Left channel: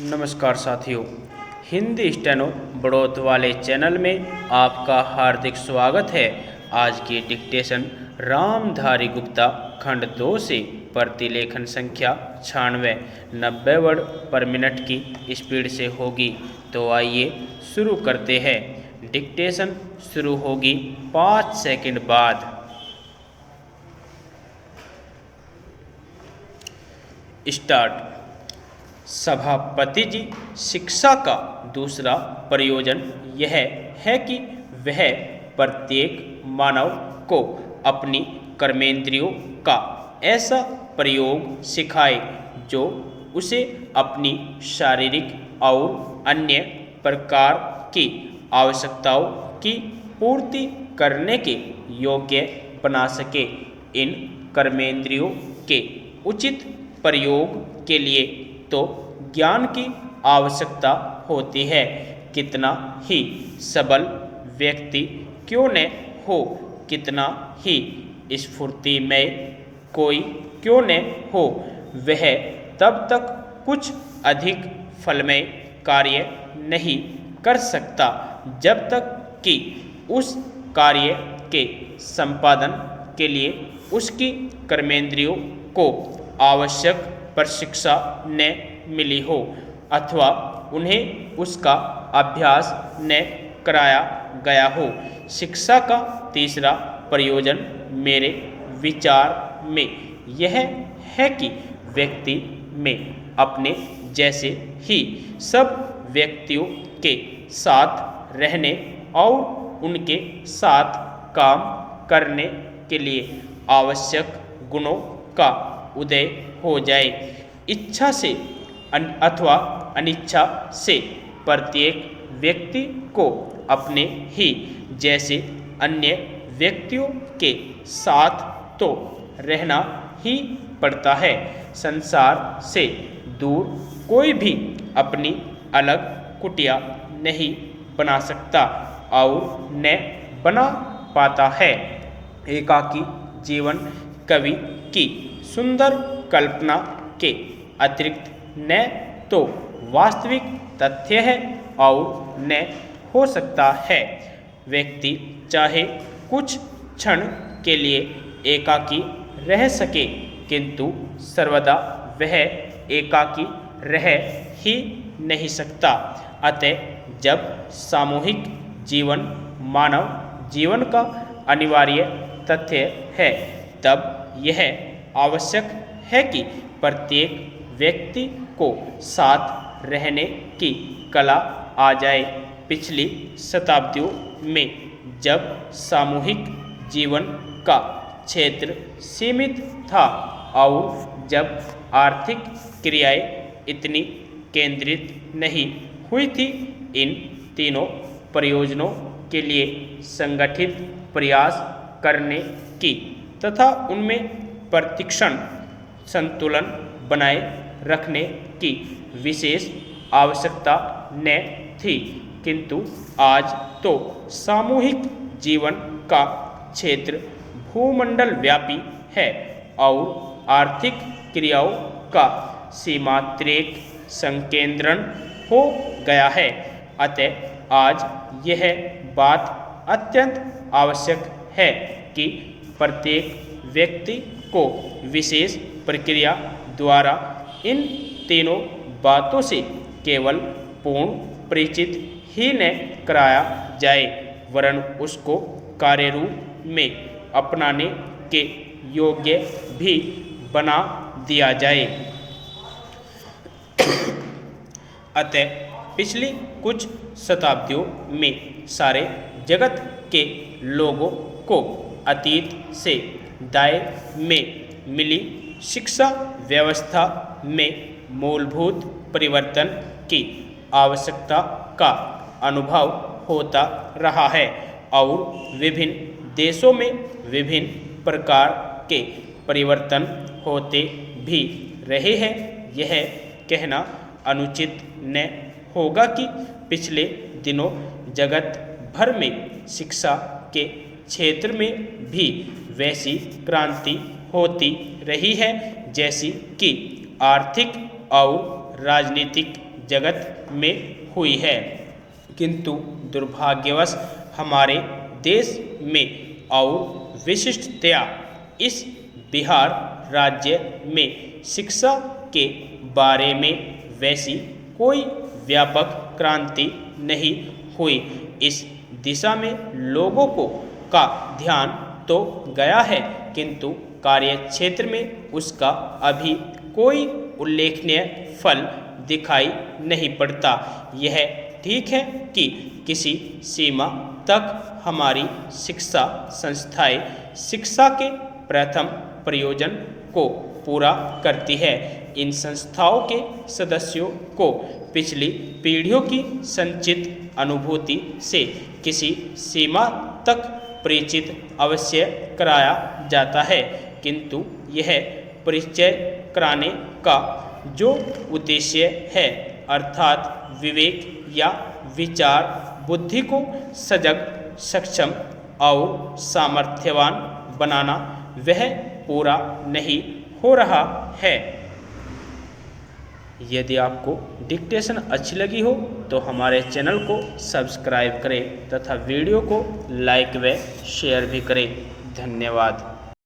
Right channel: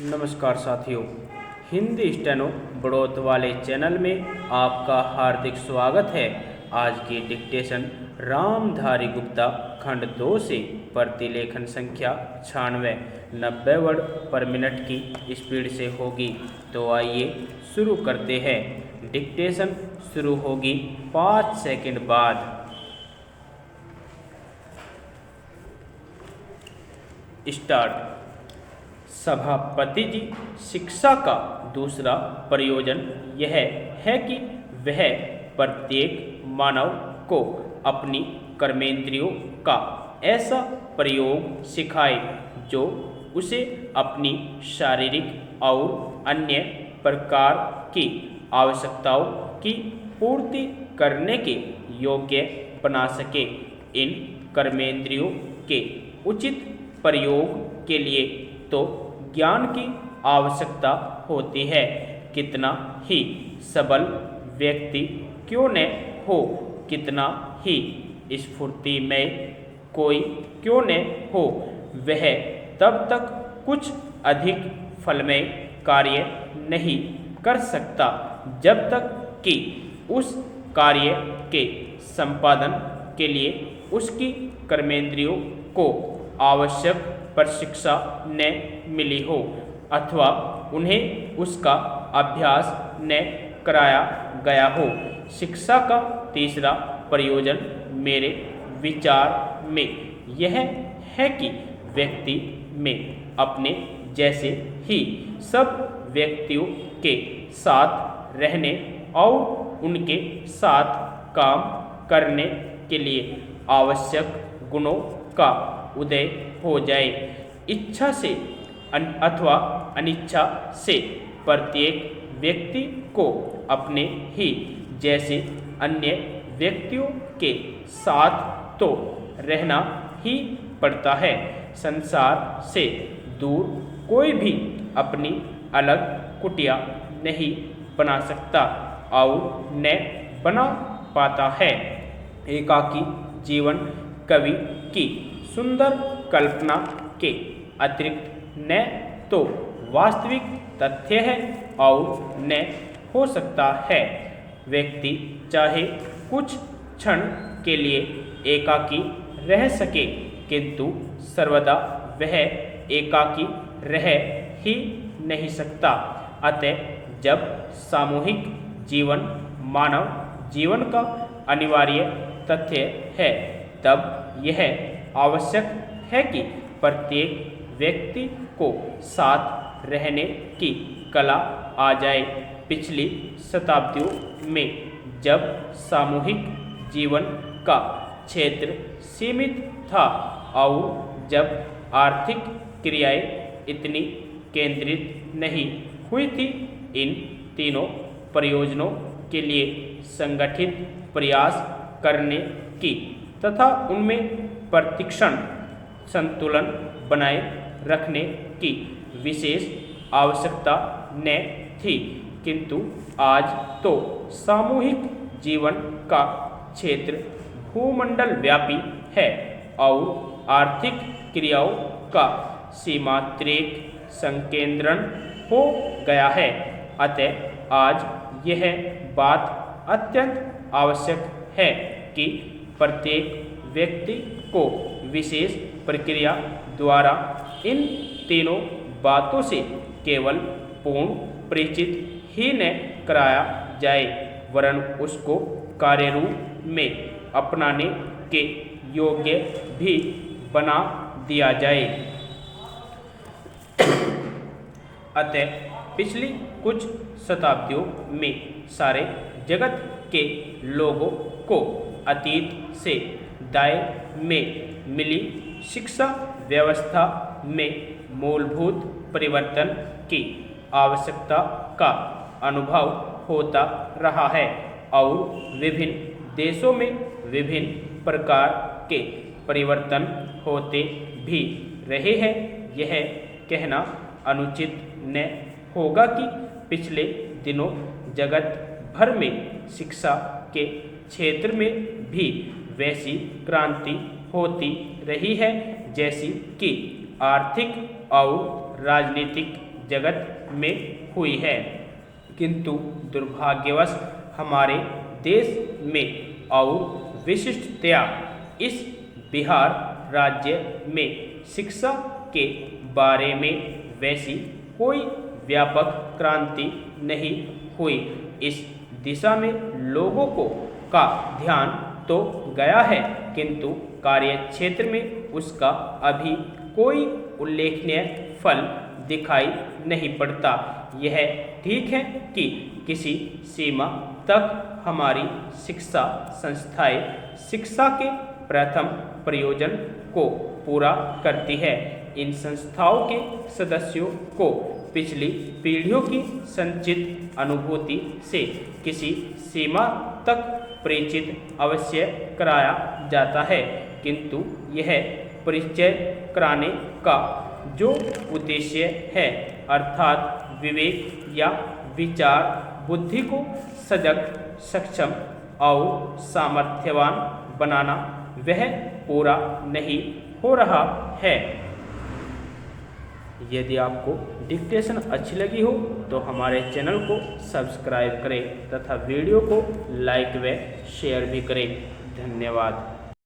नमस्कार साथियों, हिंदी स्टेनो बढ़ोत वाले चैनल में आपका हार्दिक स्वागत है। आज की डिक्टेशन रामधारी गुप्ता खंड 2 से प्रतिलेखन संख्या 96 90 वर्ड पर मिनट की स्पीड से होगी। तो आइए शुरू करते हैं। डिक्टेशन शुरू होगी 5 सेकंड बाद। स्टार्ट। सभापति जी, शिक्षा का दूसरा प्रयोजन यह है कि वह प्रत्येक मानव को अपनी कर्मेंद्रियों का ऐसा प्रयोग सिखाए जो उसे अपनी शारीरिक और अन्य प्रकार की आवश्यकताओं की पूर्ति करने के योग्य बना सके। इन कर्मेंद्रियों के उचित प्रयोग के लिए तो ज्ञान की आवश्यकता होती है। कितना ही सबल व्यक्ति क्यों न हो, कितना ही स्फूर्तिमय कोई क्यों न हो, वह तब तक कुछ अधिक फलमय कार्य नहीं कर सकता जब तक कि उस कार्य के संपादन के लिए उसकी कर्मेंद्रियों को आवश्यक प्रशिक्षा न मिली हो अथवा उन्हें उसका अभ्यास न कराया गया हो। शिक्षा का तीसरा प्रयोजन मेरे विचार में यह है कि व्यक्ति में अपने जैसे ही सब व्यक्तियों के साथ रहने और उनके साथ काम करने के लिए आवश्यक गुणों का उदय हो जाए। इच्छा से अथवा अनिच्छा से प्रत्येक व्यक्ति को अपने ही जैसे अन्य व्यक्तियों के साथ तो रहना ही पड़ता है। संसार से दूर कोई भी अपनी अलग कुटिया नहीं बना सकता और न बना पाता है। एकाकी जीवन कवि की सुंदर कल्पना के अतिरिक्त न तो वास्तविक तथ्य है और न हो सकता है। व्यक्ति चाहे कुछ क्षण के लिए एकाकी रह सके, किंतु सर्वदा वह एकाकी रह ही नहीं सकता। अतः जब सामूहिक जीवन मानव जीवन का अनिवार्य तथ्य है, तब यह आवश्यक है कि प्रत्येक व्यक्ति को साथ रहने की कला आ जाए। पिछली शताब्दियों में जब सामूहिक जीवन का क्षेत्र सीमित था और जब आर्थिक क्रियाएं इतनी केंद्रित नहीं हुई थी, इन तीनों प्रयोजनों के लिए संगठित प्रयास करने की तथा उनमें प्रतिक्षण संतुलन बनाए रखने की विशेष आवश्यकता न थी। किंतु आज तो सामूहिक जीवन का क्षेत्र भूमंडल व्यापी है और आर्थिक क्रियाओं का सीमांतरिक संकेंद्रण हो गया है। अतः आज यह बात अत्यंत आवश्यक है कि प्रत्येक व्यक्ति को विशेष प्रक्रिया द्वारा इन तीनों बातों से केवल पूर्ण परिचित ही न कराया जाए, वरन उसको कार्य रूप में अपनाने के योग्य भी बना दिया जाए। अतः पिछली कुछ शताब्दियों में सारे जगत के लोगों को अतीत से दाएं में मिली शिक्षा व्यवस्था में मूलभूत परिवर्तन की आवश्यकता का अनुभव होता रहा है और विभिन्न देशों में विभिन्न प्रकार के परिवर्तन होते भी रहे हैं। यह कहना अनुचित न होगा कि पिछले दिनों जगत भर में शिक्षा के क्षेत्र में भी वैसी क्रांति होती रही है जैसी कि आर्थिक और राजनीतिक जगत में हुई है, किंतु दुर्भाग्यवश हमारे देश में और विशिष्टतया इस बिहार राज्य में शिक्षा के बारे में वैसी कोई व्यापक क्रांति नहीं हुई। इस दिशा में लोगों का ध्यान तो गया है, किंतु कार्य क्षेत्र में उसका अभी कोई उल्लेखनीय फल दिखाई नहीं पड़ता। यह ठीक है कि किसी सीमा तक हमारी शिक्षा संस्थाएं शिक्षा के प्रथम प्रयोजन को पूरा करती है। इन संस्थाओं के सदस्यों को पिछली पीढ़ियों की संचित अनुभूति से किसी सीमा तक परिचित अवश्य कराया जाता है, किंतु यह परिचय कराने का जो उद्देश्य है, अर्थात विवेक या विचार बुद्धि को सजग, सक्षम और सामर्थ्यवान बनाना, वह पूरा नहीं हो रहा है। यदि आपको डिक्टेशन अच्छी लगी हो तो हमारे चैनल को सब्सक्राइब करें तथा वीडियो को लाइक व शेयर भी करें। धन्यवाद।